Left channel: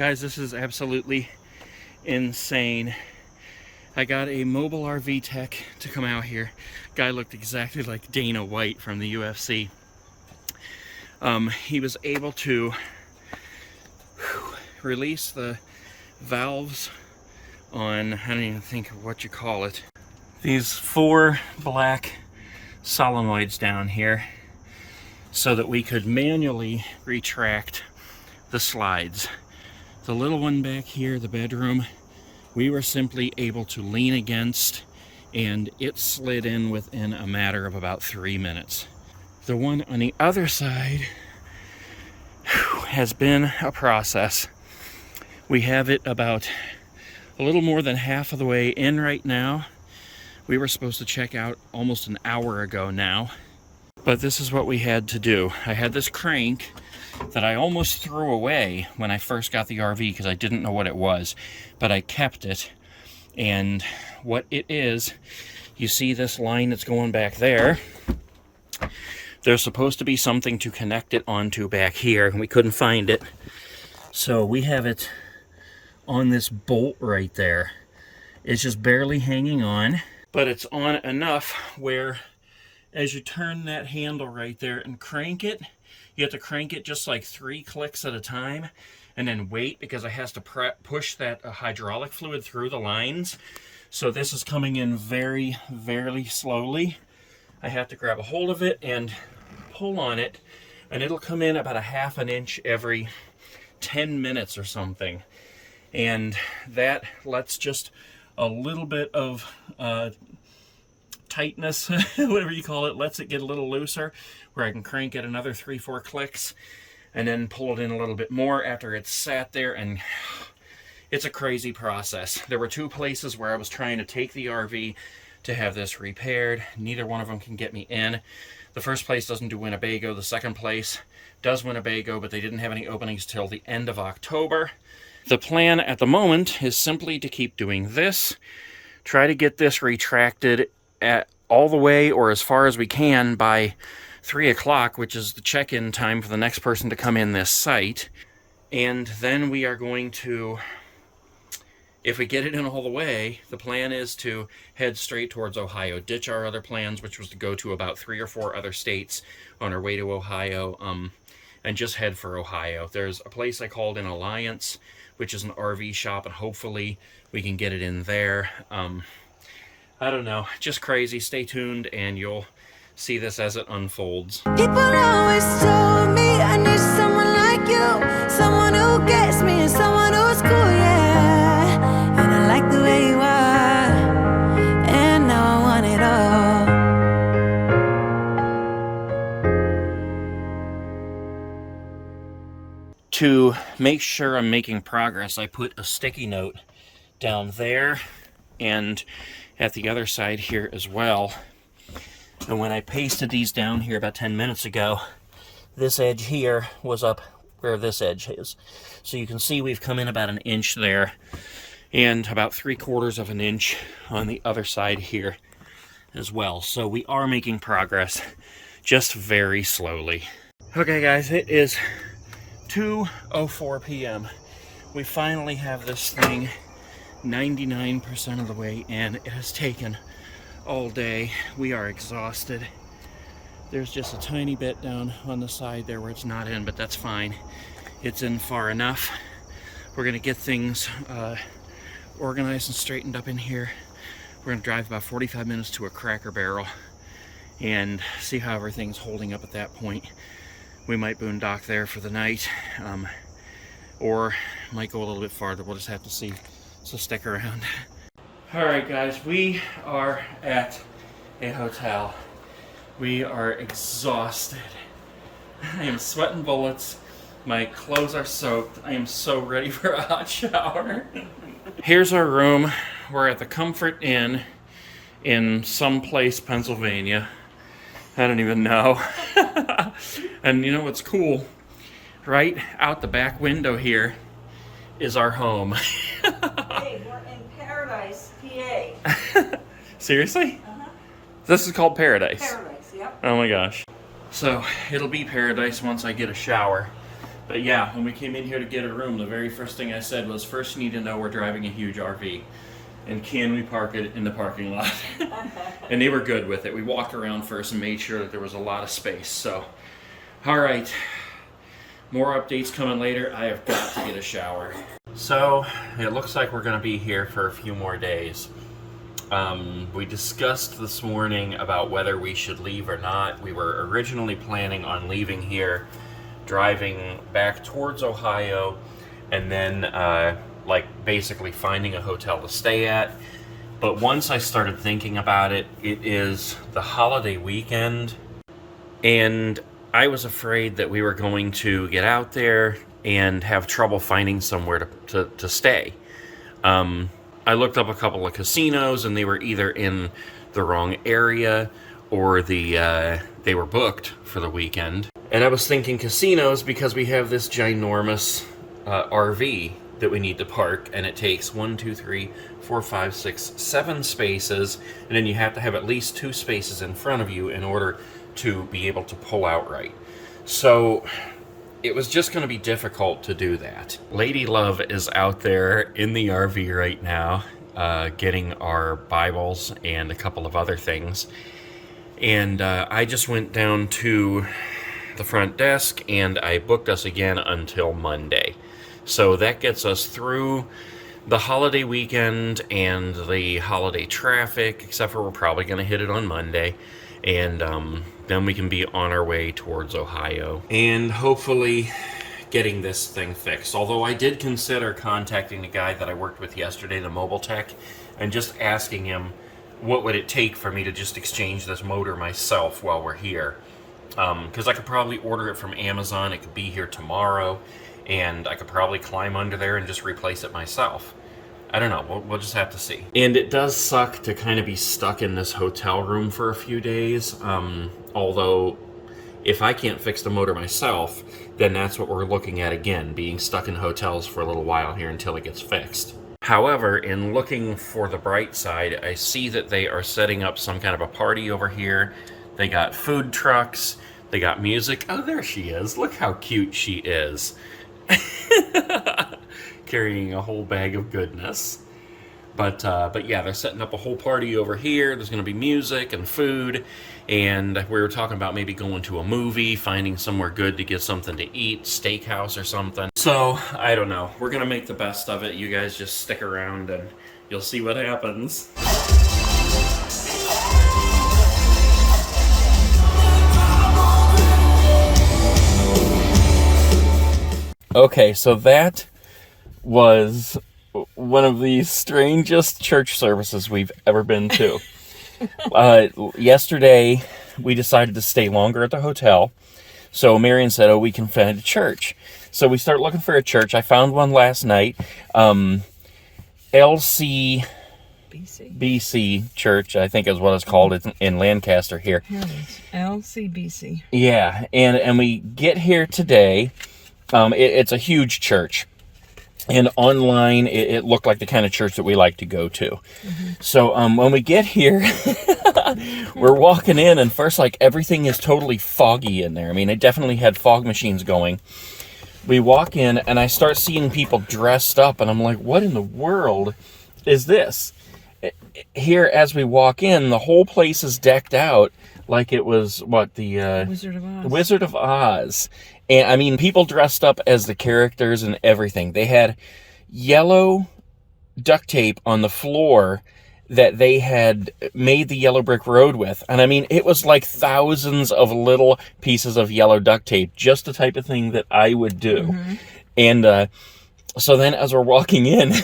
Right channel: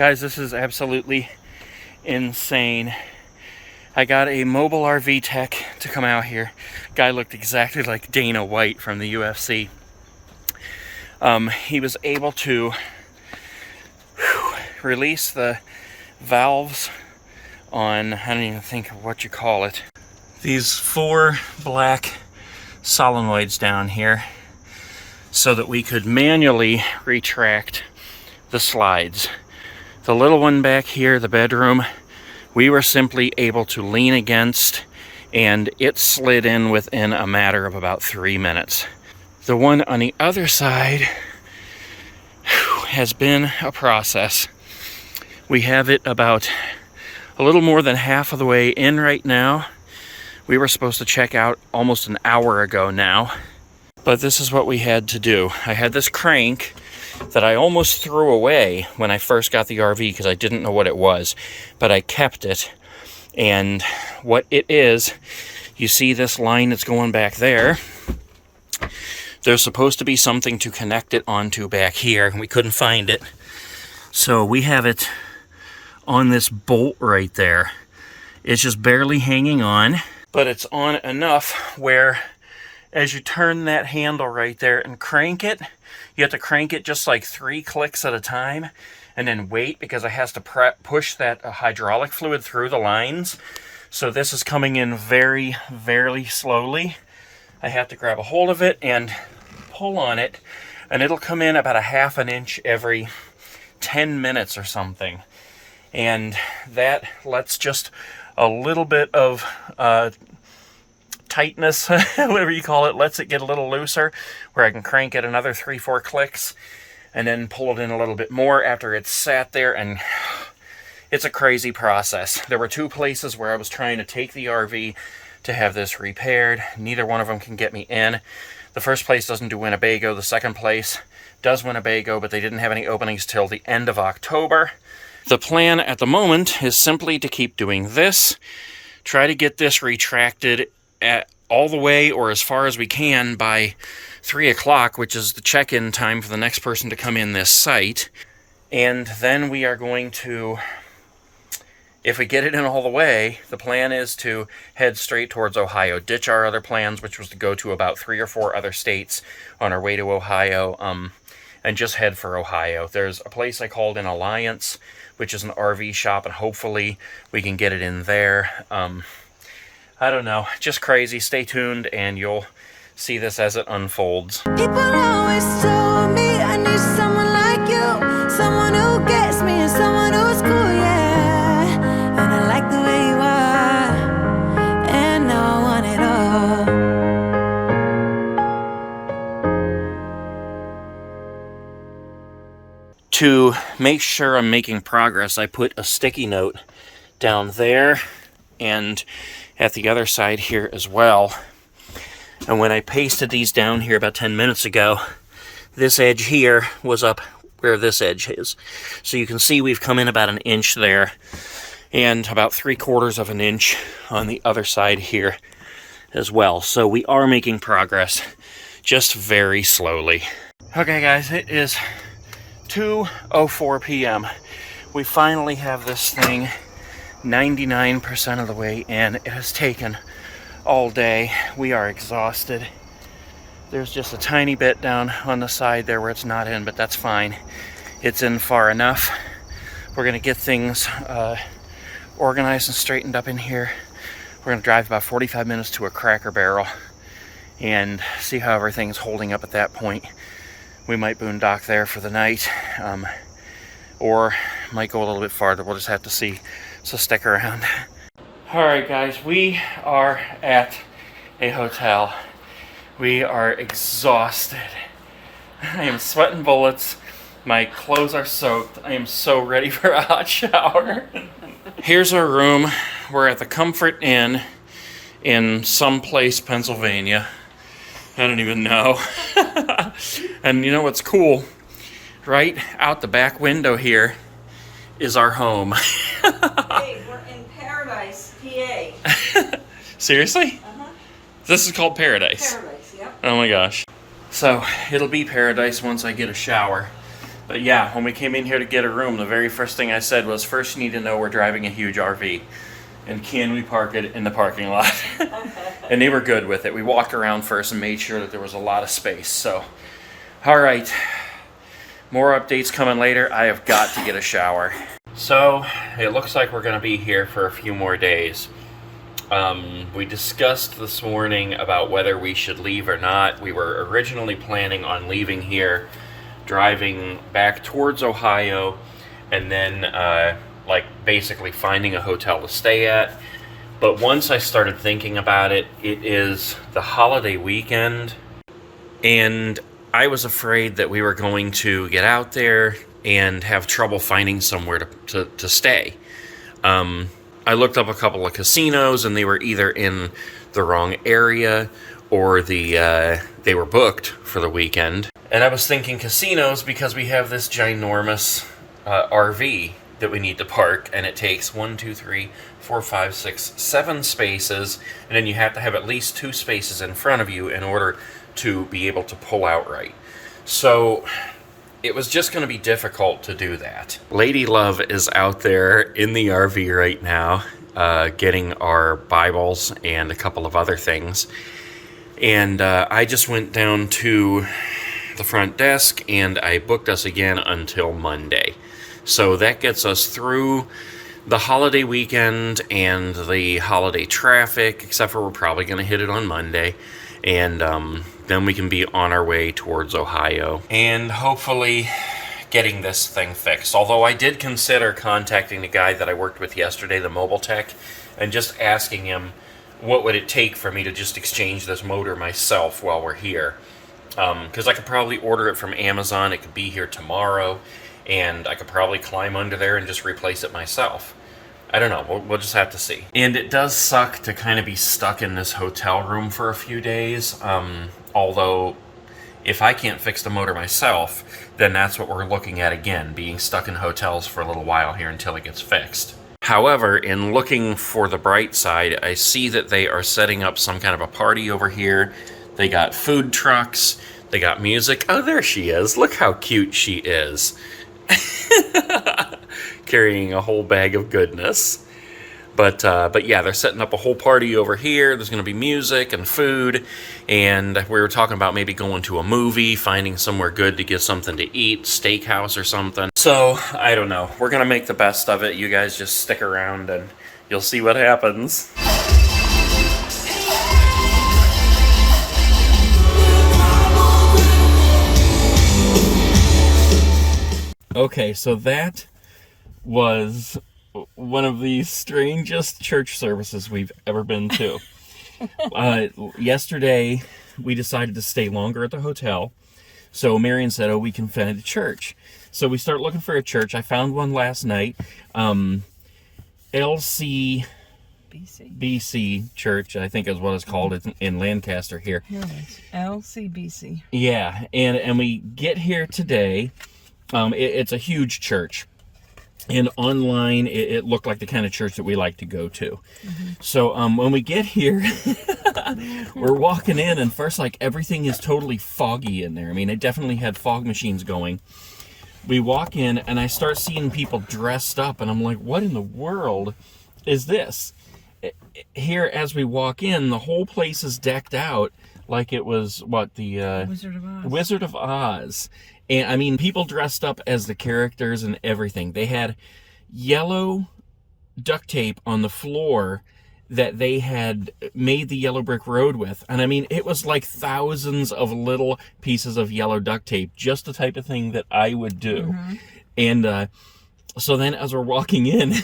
Guys, this is absolutely insane. I got a mobile RV tech to come out here. Guy looked exactly like Dana White from the UFC. He was able to release the valves on, I don't even think of what you call it. These 4 black solenoids down here so that we could manually retract the slides. The little one back here, the bedroom, we were simply able to lean against and it slid in within a matter of about 3 minutes. The one on the other side has been a process. We have it about a little more than half of the way in right now. We were supposed to check out almost an hour ago now, but this is what we had to do. I had this crank that I almost threw away when I first got the RV because I didn't know what it was, but I kept it. And what it is, you see this line that's going back there. There's supposed to be something to connect it onto back here, and we couldn't find it. So we have it on this bolt right there. It's just barely hanging on, but it's on enough where as you turn that handle right there and crank it, you have to crank it just like 3 clicks at a time and then wait because it has to push that hydraulic fluid through the lines. So this is coming in very, very slowly. I have to grab a hold of it and pull on it, and it'll come in about a ½ an inch every 10 minutes or something. And that lets just a little bit of tightness, whatever you call it, lets it get a little looser, where I can crank it another 3-4 clicks and then pull it in a little bit more after it's sat there. And it's a crazy process. There were 2 places where I was trying to take the RV to have this repaired. Neither one of them can get me in. The first place doesn't do Winnebago. The second place does Winnebago, but they didn't have any openings till the end of October. The plan at the moment is simply to keep doing this, try to get this retracted at all the way or as far as we can by 3 o'clock, which is the check-in time for the next person to come in this site. And then we are going to, if we get it in all the way, the plan is to head straight towards Ohio, ditch our other plans, which was to go to about 3 or 4 other states on our way to Ohio, and just head for Ohio. There's a place I called in Alliance, which is an RV shop, and hopefully we can get it in there. I don't know, just crazy. Stay tuned and you'll see this as it unfolds. People always told me I need someone like you, someone who gets me and someone who's cool, yeah. And I like the way you are, and now I want it all. To make sure I'm making progress, I put a sticky note down there and at the other side here as well. And when I pasted these down here about 10 minutes ago, this edge here was up where this edge is. So you can see we've come in about 1 inch there and about 3/4 of an inch on the other side here as well. So we are making progress, just very slowly. Okay guys, it is 2:04 p.m. We finally have this thing 99% of the way in. It has taken all day. We are exhausted. There's just a tiny bit down on the side there where it's not in, but that's fine. It's in far enough. We're gonna get things organized and straightened up in here. We're gonna drive about 45 minutes to a Cracker Barrel and see how everything's holding up at that point. We might boondock there for the night, or might go a little bit farther. We'll just have to see. So stick around. All right, guys, we are at a hotel. We are exhausted. I am sweating bullets. My clothes are soaked. I am so ready for a hot shower. Here's our room. We're at the Comfort Inn in someplace, Pennsylvania. I don't even know. And you know what's cool? Right out the back window here is our home. Hey, we're in Paradise, PA. Seriously? Uh-huh. This is called Paradise? Paradise, yep. Oh my gosh. So, it'll be paradise once I get a shower. But yeah, when we came in here to get a room, the very first thing I said was, first you need to know we're driving a huge RV. And can we park it in the parking lot? And they were good with it. We walked around first and made sure that there was a lot of space. So, all right. More updates coming later. I have got to get a shower. So, it looks like we're going to be here for a few more days. We discussed this morning about whether we should leave or not. We were originally planning on leaving here, driving back towards Ohio, and then basically finding a hotel to stay at. But once I started thinking about it, it is the holiday weekend, and I was afraid that we were going to get out there and have trouble finding somewhere to stay. I looked up a couple of casinos, and they were either in the wrong area or they were booked for the weekend. And I was thinking casinos because we have this ginormous RV that we need to park, and it takes 1, 2, 3, 4, 5, 6, 7 spaces, and then you have to have at least 2 spaces in front of you in order to be able to pull out right. So it was just going to be difficult to do that. Lady Love is out there in the RV right now, getting our Bibles and a couple of other things. And I just went down to the front desk and I booked us again until Monday. So that gets us through the holiday weekend and the holiday traffic, except for we're probably going to hit it on Monday. And then we can be on our way towards Ohio and hopefully getting this thing fixed. Although I did consider contacting the guy that I worked with yesterday, the mobile tech, and just asking him what would it take for me to just exchange this motor myself while we're here. Because I could probably order it from Amazon. It could be here tomorrow. And I could probably climb under there and just replace it myself. I don't know. We'll just have to see. And it does suck to kind of be stuck in this hotel room for a few days. Although, if I can't fix the motor myself, then that's what we're looking at again, being stuck in hotels for a little while here until it gets fixed. However, in looking for the bright side, I see that they are setting up some kind of a party over here. They got food trucks. They got music. Oh, there she is. Look how cute she is. Carrying a whole bag of goodness. But yeah, they're setting up a whole party over here. There's going to be music and food, and we were talking about maybe going to a movie, finding somewhere good to get something to eat, steakhouse or something. So, I don't know. We're going to make the best of it. You guys just stick around and you'll see what happens. Okay, so that was one of the strangest church services we've ever been to. Yesterday, we decided to stay longer at the hotel. So Marion said, we can find a church. So we start looking for a church. I found one last night. LC BC Church, I think is what it's called. It's in Lancaster here. Here it is. LCBC. Yeah, and we get here today. It's a huge church. And online, it looked like the kind of church that we like to go to. Mm-hmm. So when we get here, we're walking in, and first, everything is totally foggy in there. I mean, it definitely had fog machines going. We walk in, and I start seeing people dressed up, and I'm like, what in the world is this? Here, as we walk in, the whole place is decked out like it was, the Wizard of Oz. Wizard of Oz. And, I mean, people dressed up as the characters and everything. They had yellow duct tape on the floor that they had made the yellow brick road with. And, I mean, it was like thousands of little pieces of yellow duct tape, just the type of thing that I would do. Mm-hmm. And so then as we're walking in,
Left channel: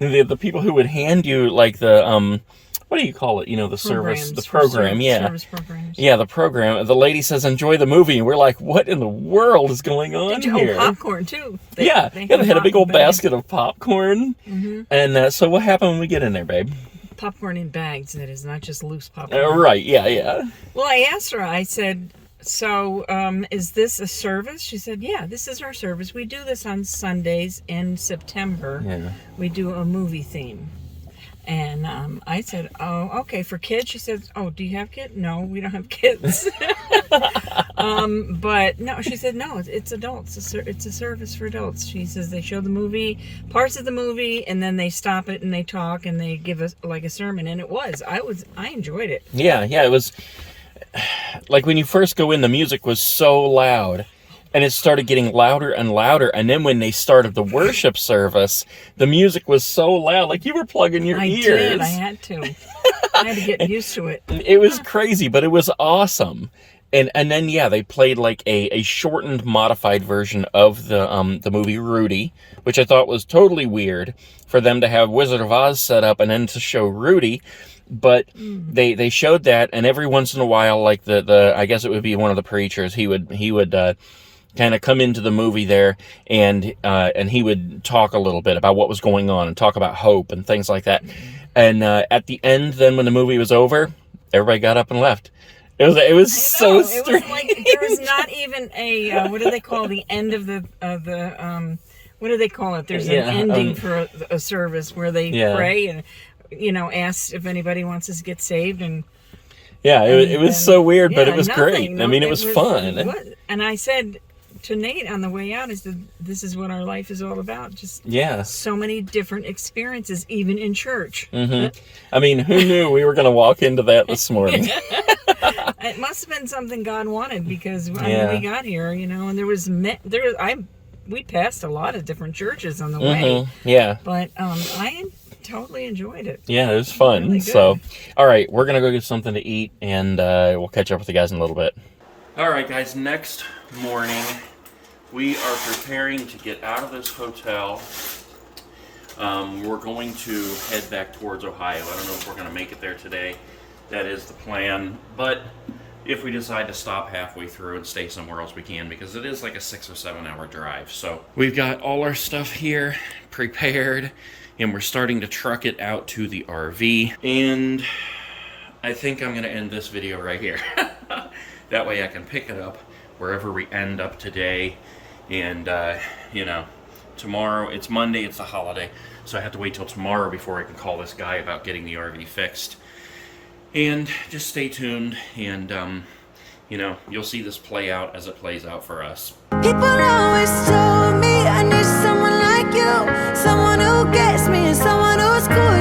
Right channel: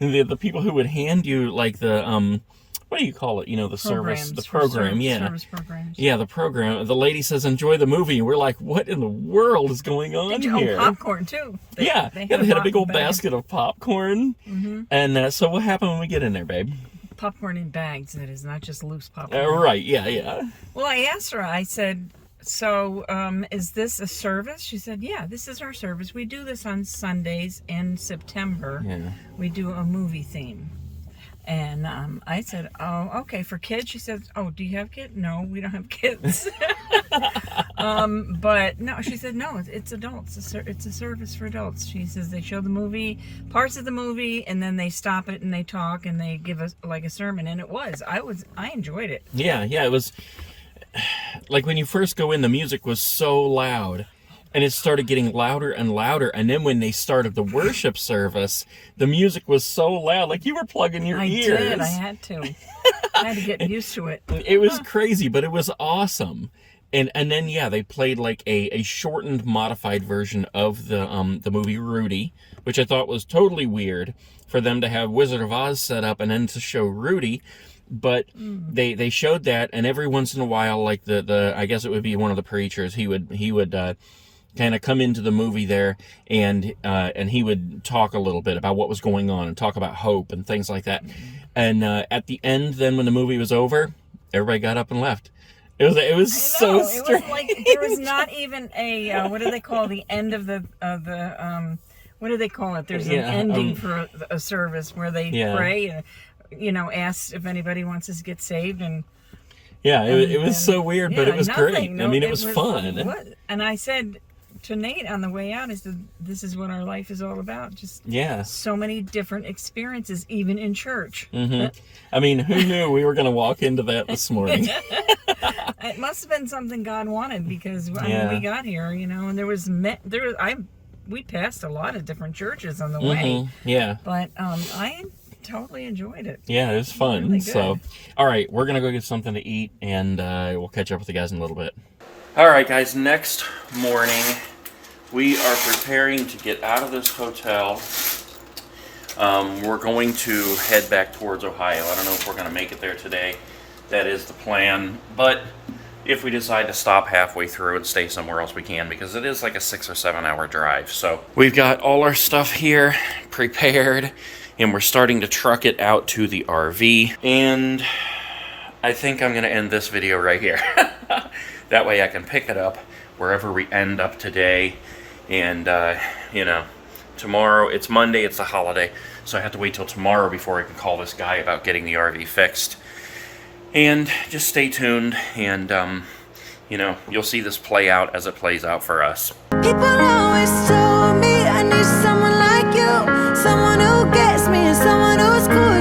the people who would hand you, what do you call it? The service, the program, yeah. Service programs. Yeah, the program. The lady says, enjoy the movie. And we're like, what in the world is going on here? Popcorn, too. They had a big old basket of popcorn. Mm-hmm. And so what happened when we get in there, babe? Popcorn in bags, that is, not just loose popcorn. Right, yeah. Well, I asked her, I said, so is this a service? She said, yeah, this is our service. We do this on Sundays in September. Yeah. We do a movie theme. And I said, oh, okay, for kids. She said, oh, do you have kids? No, we don't have kids. But no, she said, no, it's adults. It's a service for adults. She says they show the movie, parts of the movie, and then they stop it and they talk and they give us like a sermon. And it was. I enjoyed it. Yeah, it was like when you first go in, the music was so loud. And it started getting louder and louder. And then when they started the worship service, the music was so loud, like you were plugging your ears. I did. I had to. I had to get used to it. It was crazy, but it was awesome. And then, yeah, they played like a shortened, modified version of the movie Rudy, which I thought was totally weird for them to have Wizard of Oz set up and then to show Rudy. But they showed that, and every once in a while, like the I guess it would be one of the preachers, he would kind of come into the movie there, and he would talk a little bit about what was going on and talk about hope and things like that. And at the end, then when the movie was over, everybody got up and left. It was so strange. It was like there was not even a what do they call the end of the what do they call it? There's an ending for a service where they pray and ask if anybody wants to get saved and. Yeah, it was so weird, but it was great. No, I mean, it was fun. And I said to Nate on the way out, this is what our life is all about. Just so many different experiences, even in church. Mm-hmm. I mean, who knew we were going to walk into that this morning? It must have been something God wanted because when we got here, and we passed a lot of different churches on the way. Yeah. But I totally enjoyed it. Yeah, it was fun. Really so, all right, we're going to go get something to eat, and we'll catch up with you guys in a little bit. All right, guys, next morning, we are preparing to get out of this hotel. We're going to head back towards Ohio. I don't know if we're going to make it there today. That is the plan. But if we decide to stop halfway through and stay somewhere else, we can, because it is like a 6 or 7 hour drive. So we've got all our stuff here prepared, and we're starting to truck it out to the RV. And I think I'm going to end this video right here. That way I can pick it up wherever we end up today. And, tomorrow, it's Monday, it's a holiday, so I have to wait till tomorrow before I can call this guy about getting the RV fixed. And just stay tuned, and, you'll see this play out as it plays out for us. People always told me I need someone like you, someone who gets me and someone who's cool.